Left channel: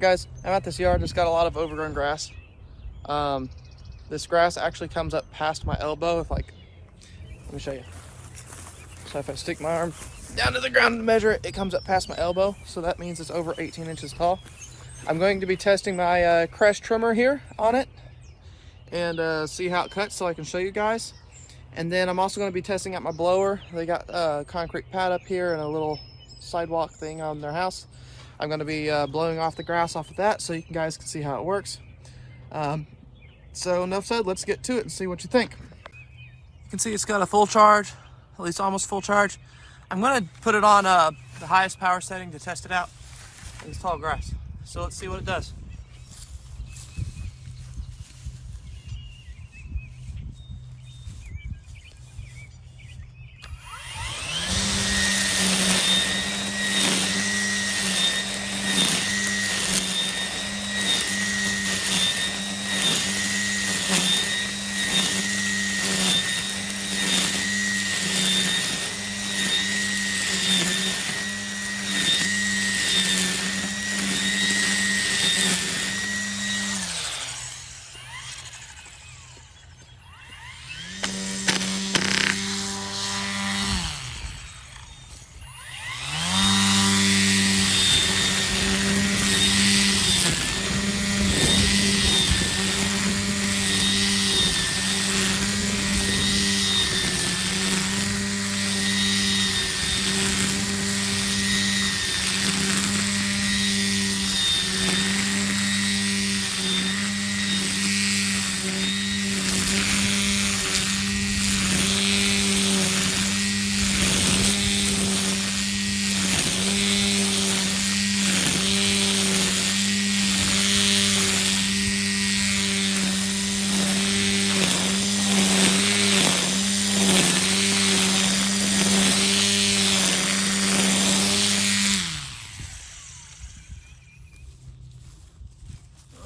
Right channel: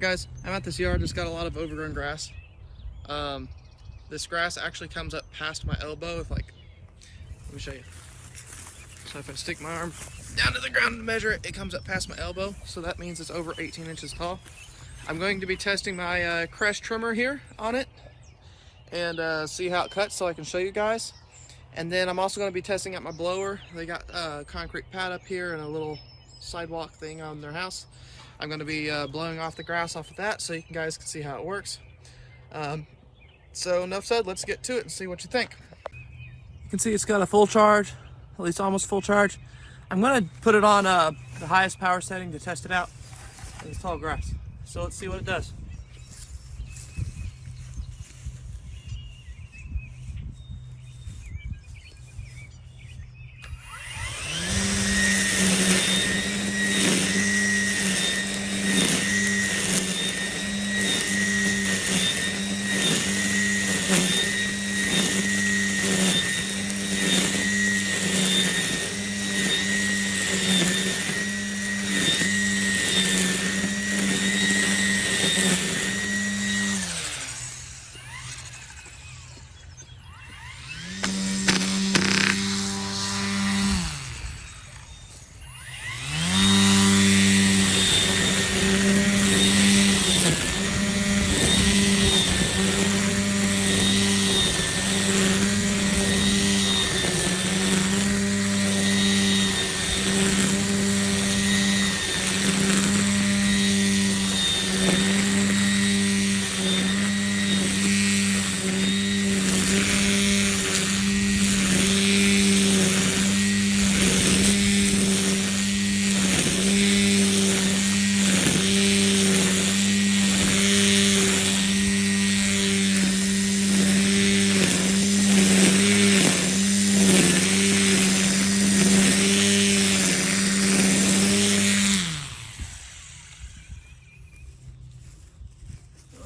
Guys, I'm at this yard, just got a lot of overgrown grass. This grass actually comes up past my elbow. Let me show you. So if I stick my arm down to the ground and measure it, it comes up past my elbow. So that means it's over 18 inches tall. I'm going to be testing my KRESS trimmer here on it and see how it cuts so I can show you guys. And then I'm also going to be testing out my blower. They got a concrete pad up here and a little sidewalk thing on their house. I'm going to be blowing off the grass off of that so you guys can see how it works. So enough said, let's get to it and see what you think. You can see it's got a full charge, at least almost full charge. I'm going to put it on the highest power setting to test it out. It's tall grass. So let's see what it does.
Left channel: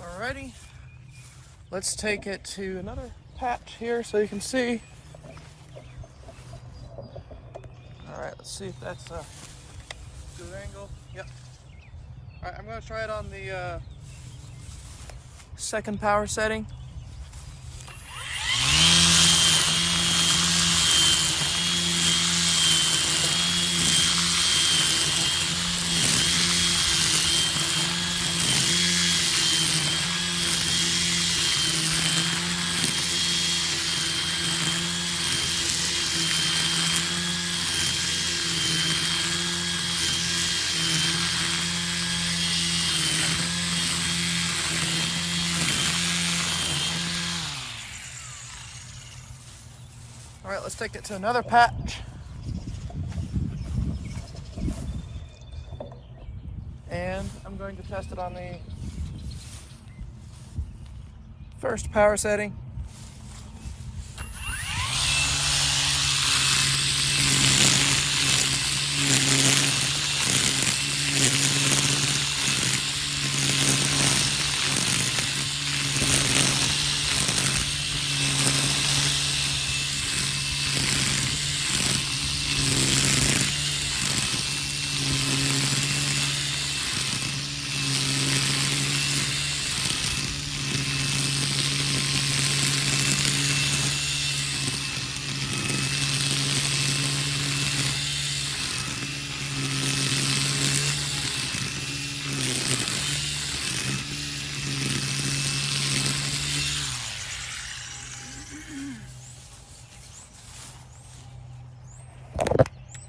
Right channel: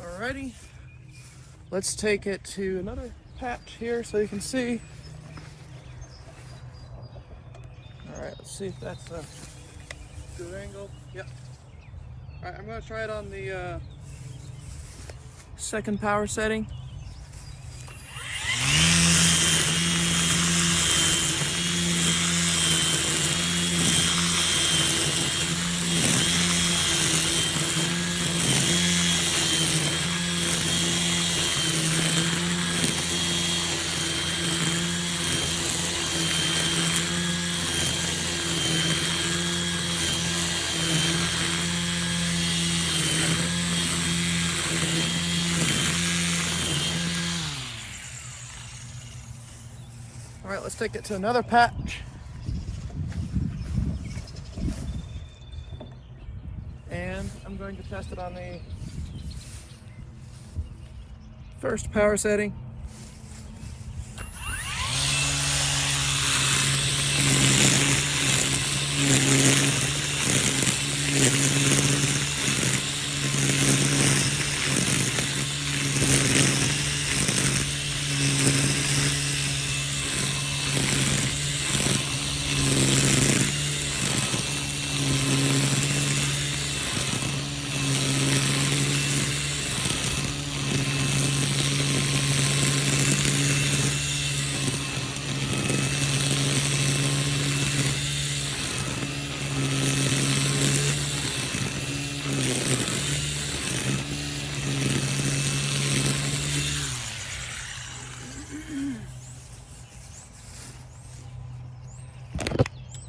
Alrighty, let's take it to another patch here so you can see. Alright, let's see if that's a good angle. Yep. Alright, I'm going to try it on the second power setting. All right, let's take it to another patch. And I'm going to test it on the first power setting.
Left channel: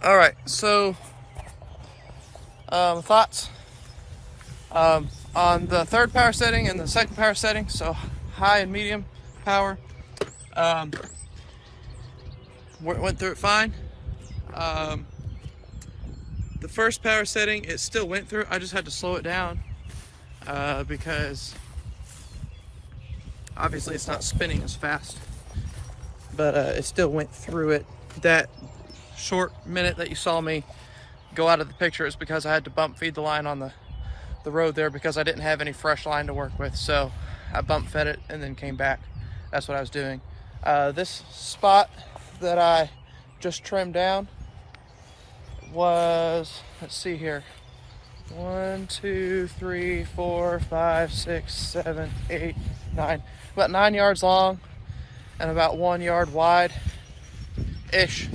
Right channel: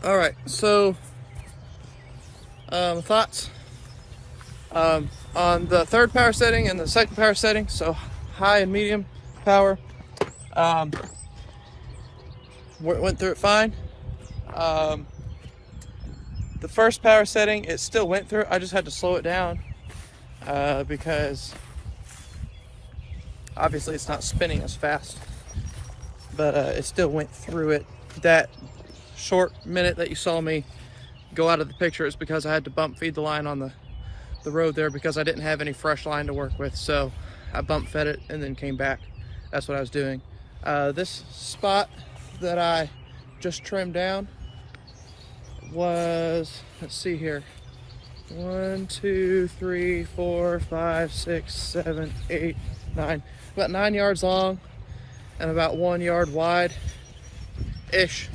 All right, so thoughts on the third power setting and the second power setting, so high and medium power. Went through it fine. The first power setting, it still went through. I just had to slow it down because obviously it's not spinning as fast, but it still went through it. That short minute that you saw me go out of the picture is because I had to bump feed the line on the road there because I didn't have any fresh line to work with. So I bump fed it and then came back. That's what I was doing. This spot that I just trimmed down was, let's see here, 1, 2, 3, 4, 5, 6, 7, 8, 9. About 9 yards long and about 1 yard wide-ish.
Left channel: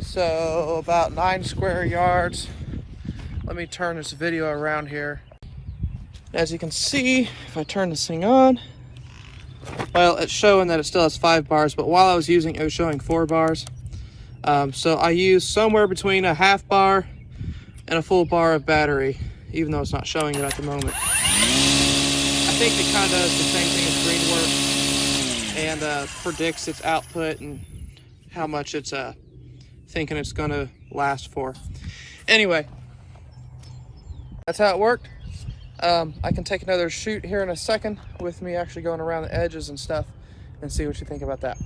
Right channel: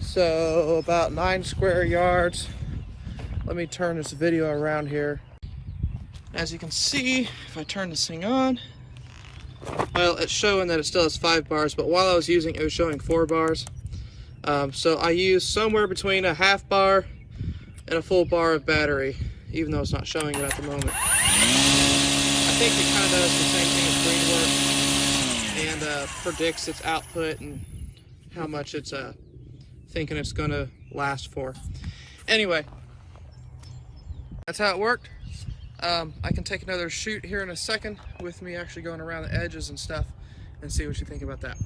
So about 9 square yards. Let me turn this video around here. As you can see, if I turn this thing on, well, it's showing that it still has 5 bars, but while I was using it, it was showing 4 bars. So I used somewhere between a half bar and a full bar of battery, even though it's not showing it at the moment. I think it kind of does the same thing as green work and predicts its output and how much it's thinking it's going to last for. Anyway, that's how it worked. I can take another shoot here in a second with me actually going around the edges and stuff and see what you think about that.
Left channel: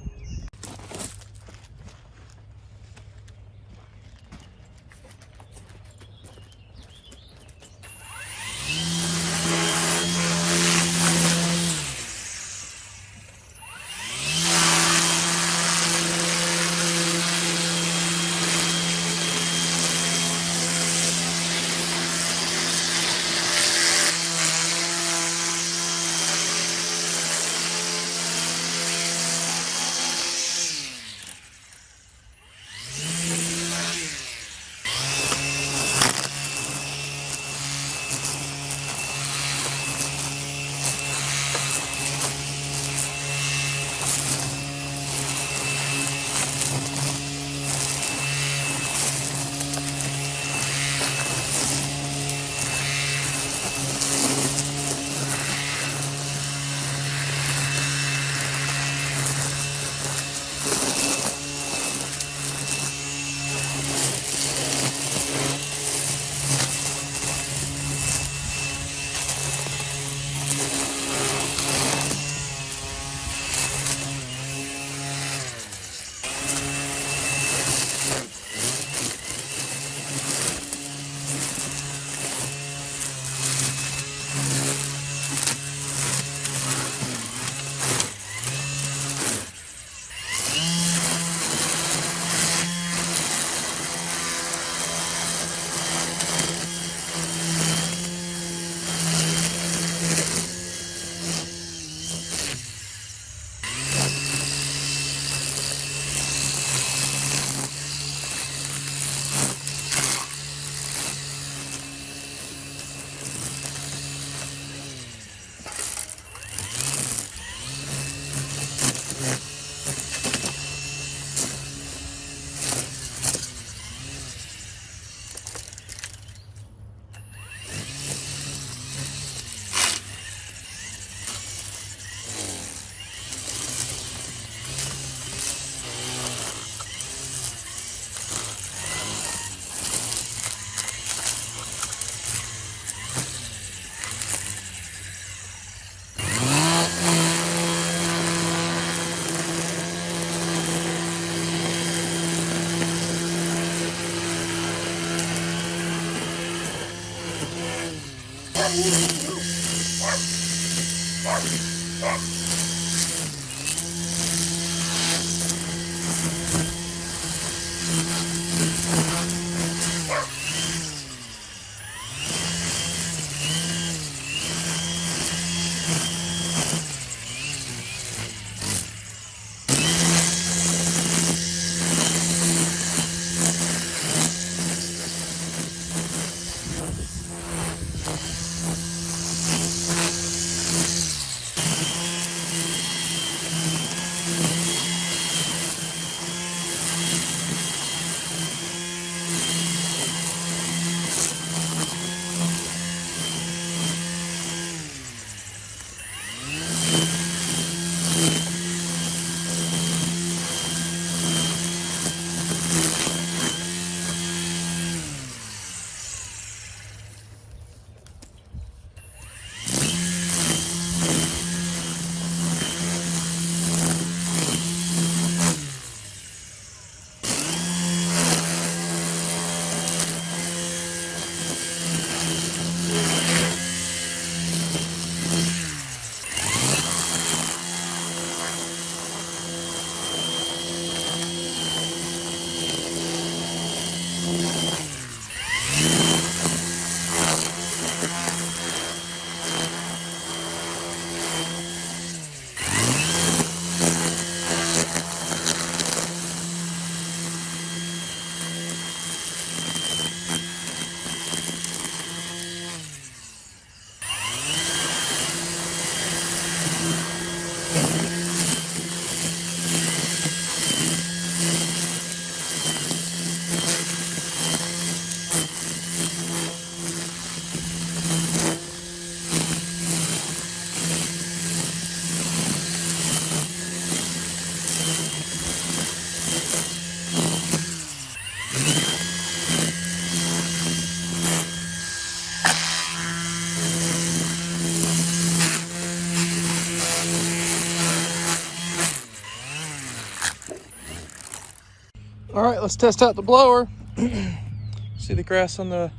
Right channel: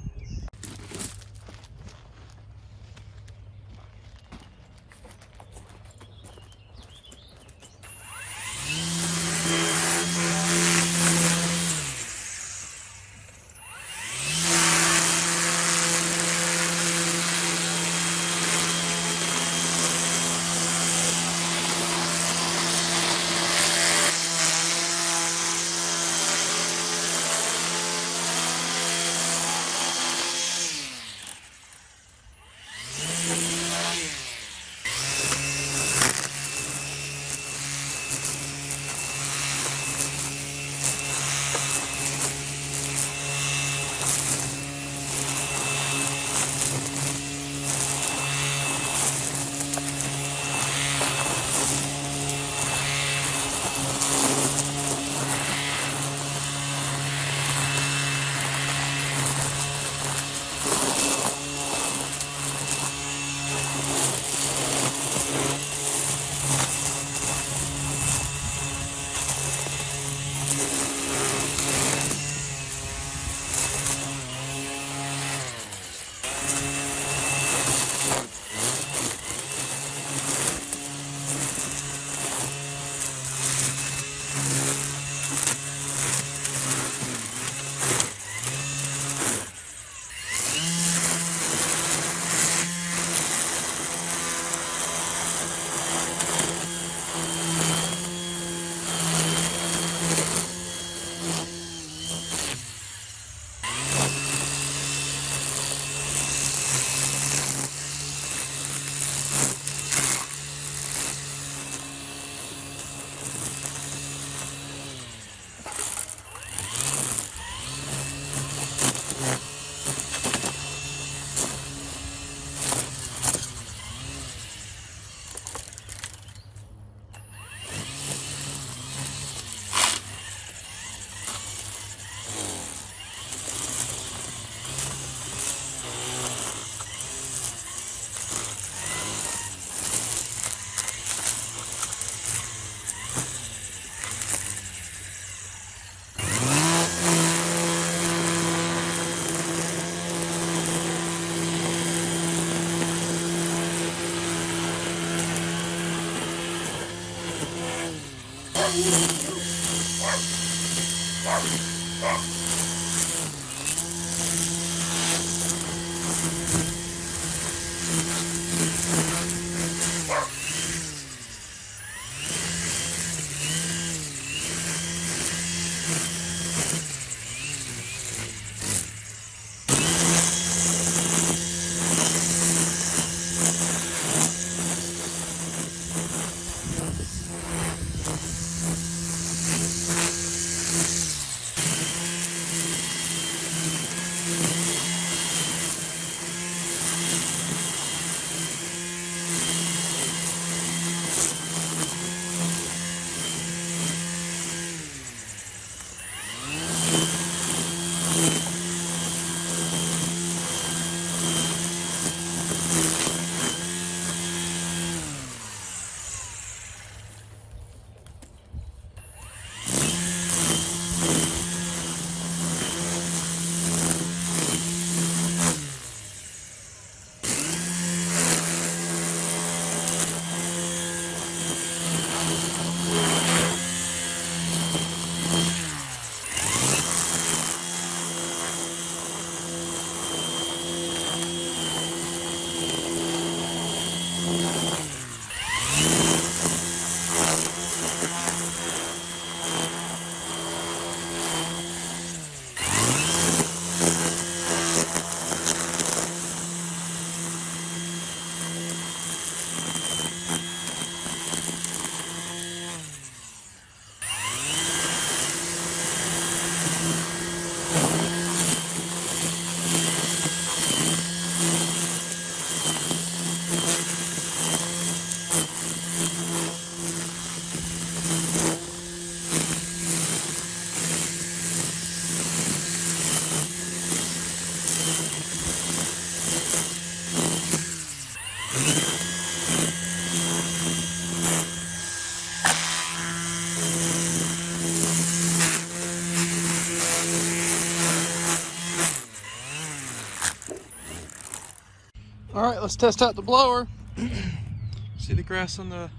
right, let's test out the blower. See the grass on that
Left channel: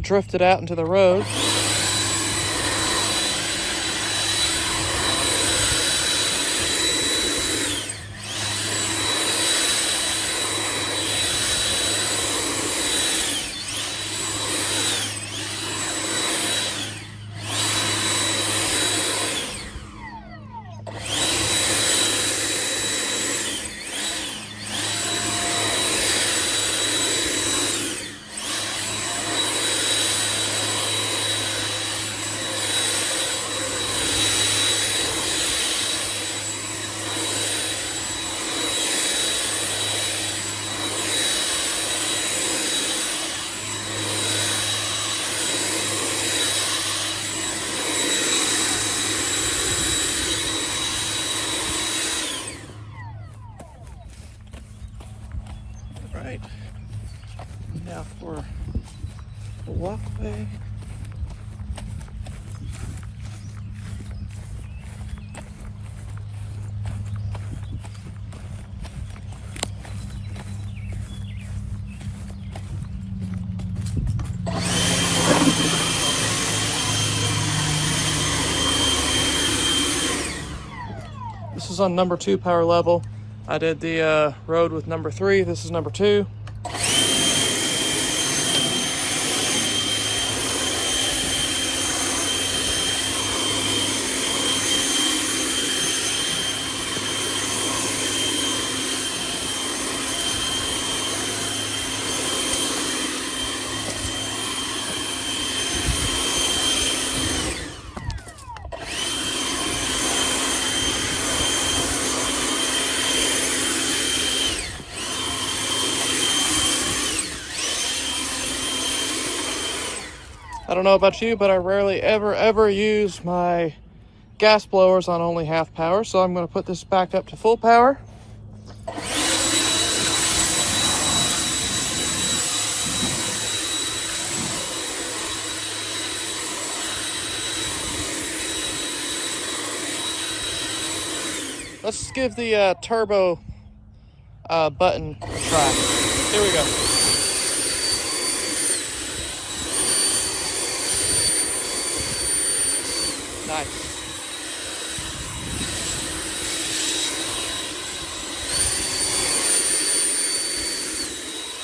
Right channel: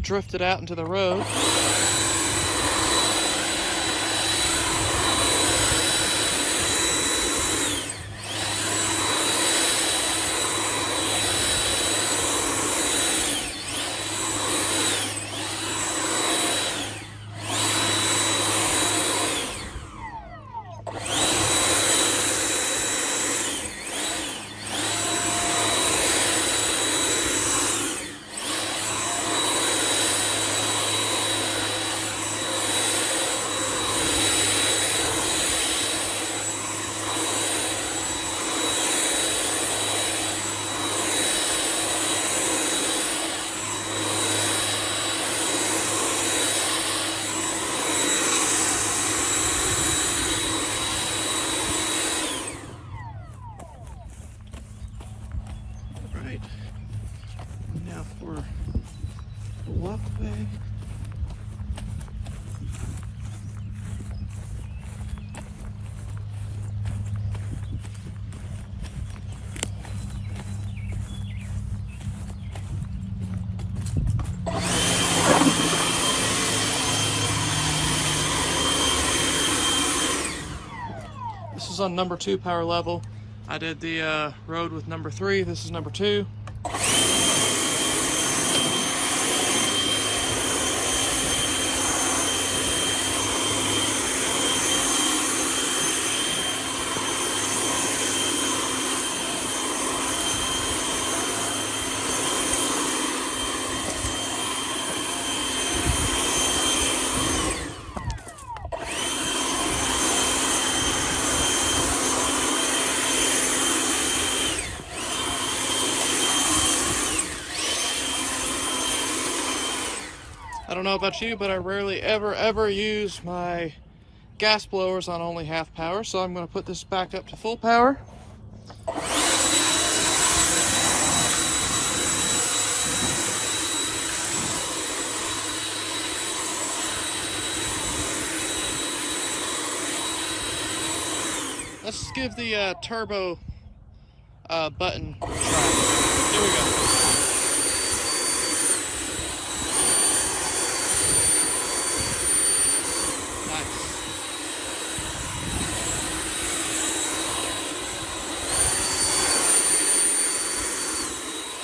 drifted out into the road. Right, now for the walkway. This is on number 2 power level. I did the road with number 3. This is number 2. I don't know about you, but I rarely ever use my gas blowers on only half power, so I'm going to put this back up to full power. Let's give the turbo button a try. Here we go. Nice.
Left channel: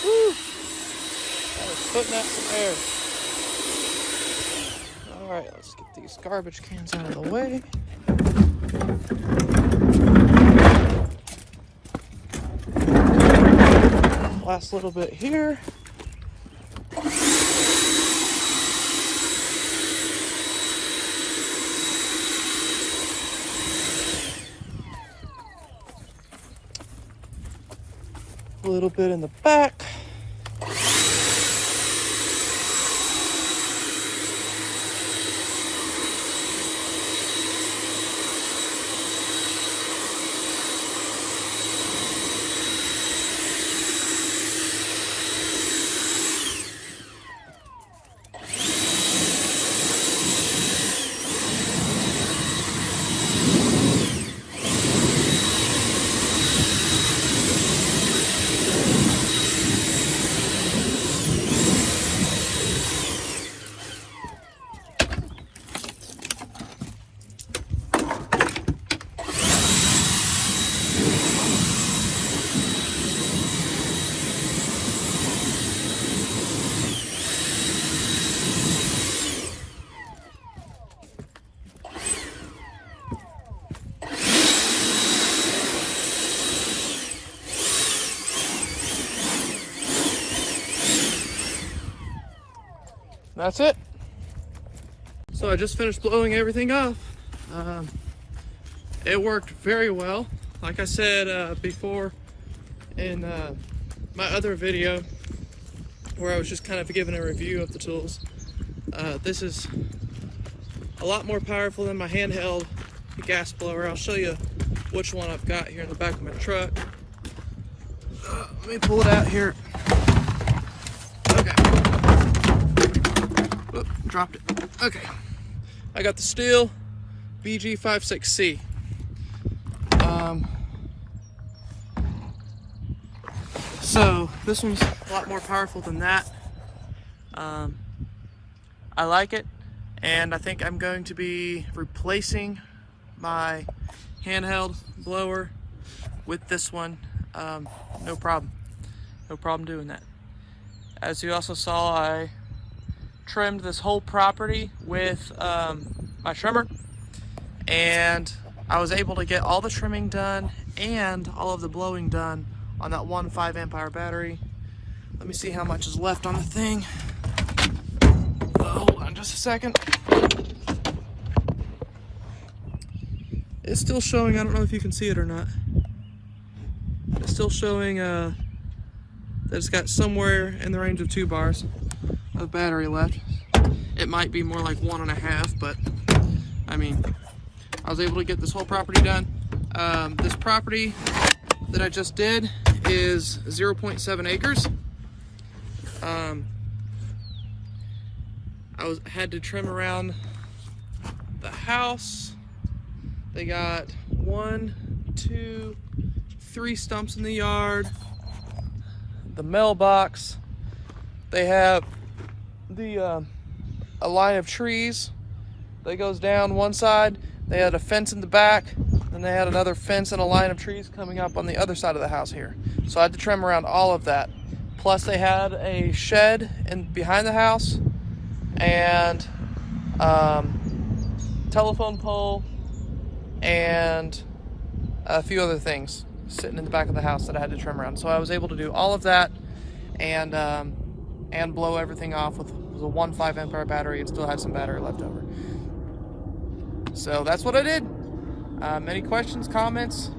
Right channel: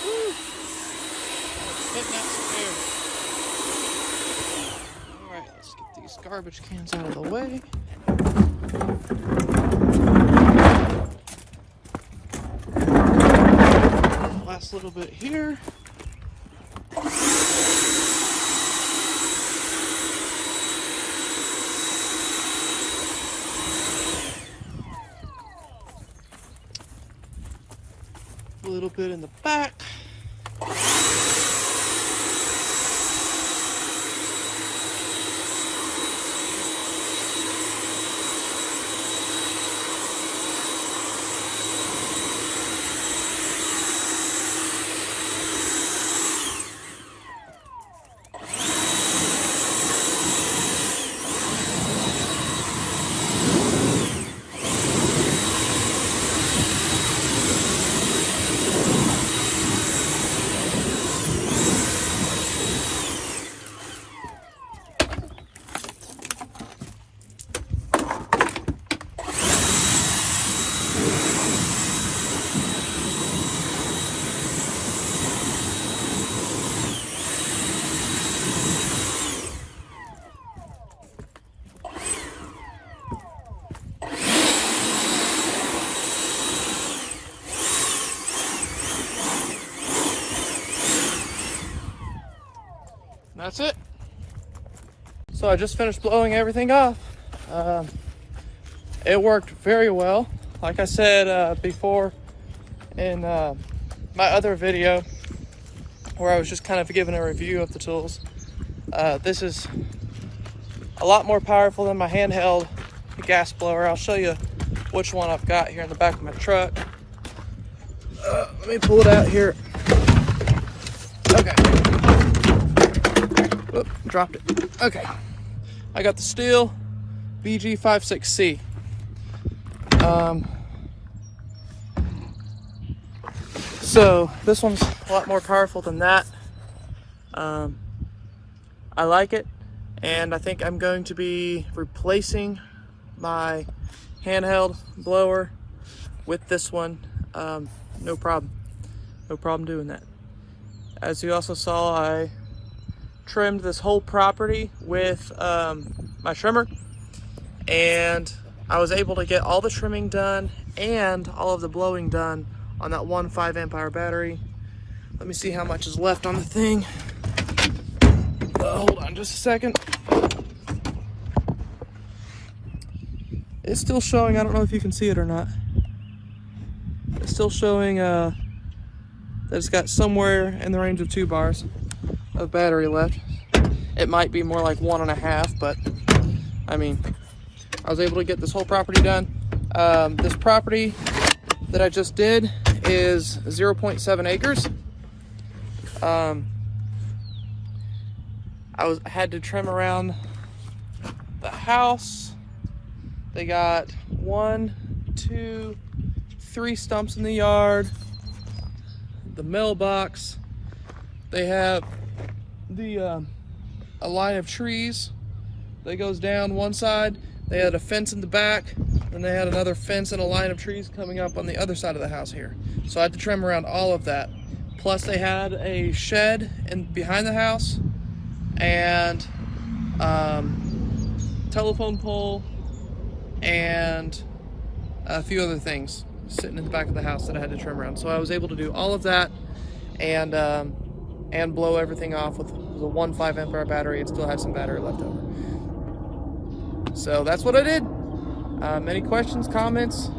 Woo! That was putting that there. Alright, let's get these garbage cans out of the way. Last little bit here. A little bit in the back. That's it. So I just finished blowing everything off. It worked very well. Like I said before in my other video where I was just kind of giving a review of the tools, this is a lot more powerful than my handheld gas blower. I'll show you which one I've got here in the back of my truck. Let me pull it out here. Okay. Oop, dropped it. Okay. I got the Steel BG56C. So this one's a lot more powerful than that. I like it, and I think I'm going to be replacing my handheld blower with this one. No problem doing that. As you also saw, I trimmed this whole property with my trimmer, and I was able to get all the trimming done and all of the blowing done on that one 5 amp hour battery. Let me see how much is left on the thing. Hold on just a second. It's still showing, I don't know if you can see it or not. It's still showing that it's got somewhere in the range of 2 bars of battery left. It might be more like 1.5, but I mean, I was able to get this whole property done. This property that I just did is 0.7 acres. I had to trim around the house. They got 1, 2, 3 stumps in the yard, the mailbox. They have a line of trees that goes down one side. They had a fence in the back, and they had another fence and a line of trees coming up on the other side of the house here. So I had to trim around all of that. Plus they had a shed behind the house, and telephone pole, and a few other things sitting in the back of the house that I had to trim around. So I was able to do all of that and blow everything off with the one 5 amp hour battery. It still had some battery left over. So that's what I did. Any questions, comments,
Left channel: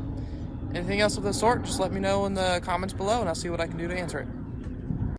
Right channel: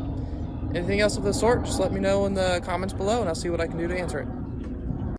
anything else of the sort, just let me know in the comments below, and I'll see what I can do to answer it.